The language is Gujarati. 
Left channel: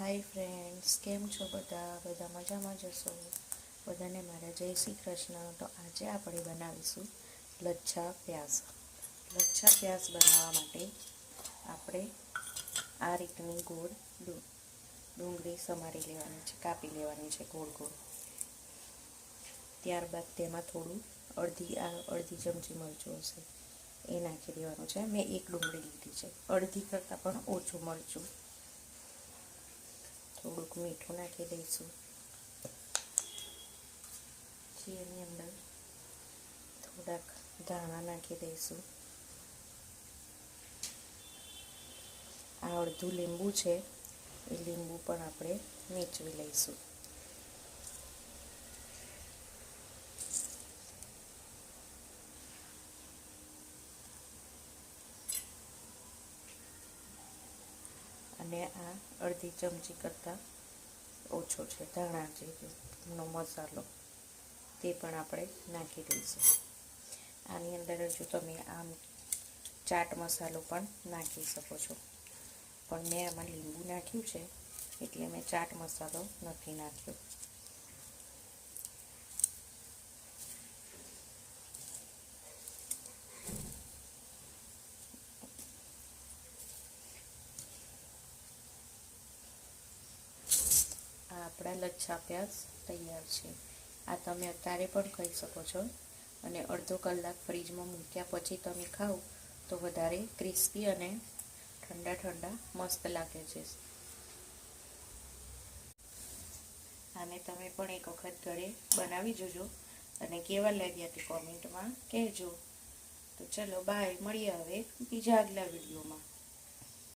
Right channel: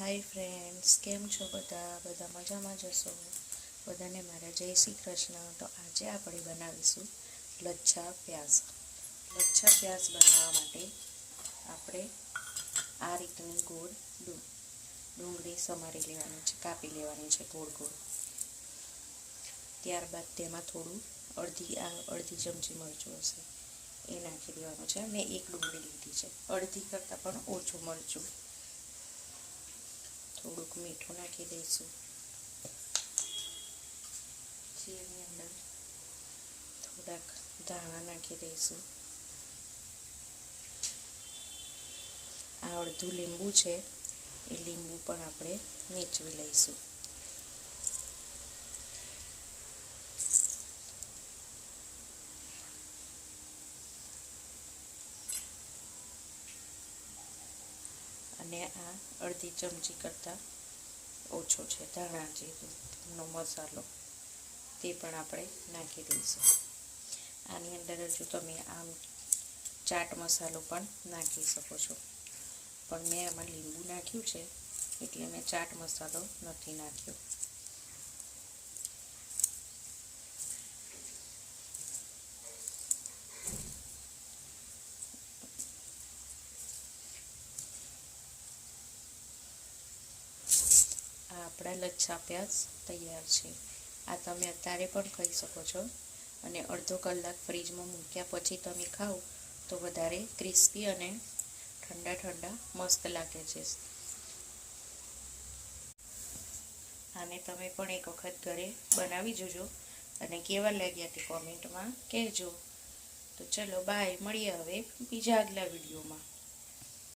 हाय फ्रेंड्स, केम छो બધા મજામાં જ હશો। બધાને મારા જય શ્રી કૃષ્ણ। તો આજે આપણે બનાવીશું લચ્છા પ્યાઝ। લચ્છા પ્યાઝ બનાવવા માટે આપણે આ રીતની ગોળ ડુંગળી સમારી લેવાની છે, કાપી લેવાની છે ગોળ ગોળ। ત્યારબાદ તેમાં થોડું અડધી ચમચી મરચું હશે એ નાખી દેવાનું છે। મેં એક ડુંગળી લીધી છે, અડધી કરતાં પણ ઓછું મરચું। થોડુંક મીઠું નાખી દઈશું। એની અંદર થોડાક ધાણા નાખી દઈશું। આ અડધું લીંબુ છે, એ લીંબુ પણ આપણે નીચવી લઈશું। અને આ અડધી ચમચી કરતાં ઓછો છે ધાણા જેનો મસાલો, તે પણ આપણે નાખી દઈશું। આની અંદર જો તમે આમ ચાટ મસાલો પણ નાખી શકો છો, પણ મેં આમાં લીંબુ નાખ્યું છે એટલે મેં ચાટ મસાલો નથી નાખ્યો। આ આપણા લચ્છા પ્યાઝ તૈયાર છે। આ તમે અત્યારે પણ ખાઈ શકો છો, અને અડધો કલાક ફ્રીજમાં મૂક્યા પછી તમે ખાઓ તો વધારે ક્રિસ્પી અને ઠંડા ઠંડા મસ્ત લાગે છે। આને તમે પણ એક વખત ઘરે બનાવી જોજો અને કેવા લાગ્યા તે કોમેન્ટમાં કહેજો। તો ચલો બાય, મળીએ હવે બીજા આગલા વિડીયોમાં।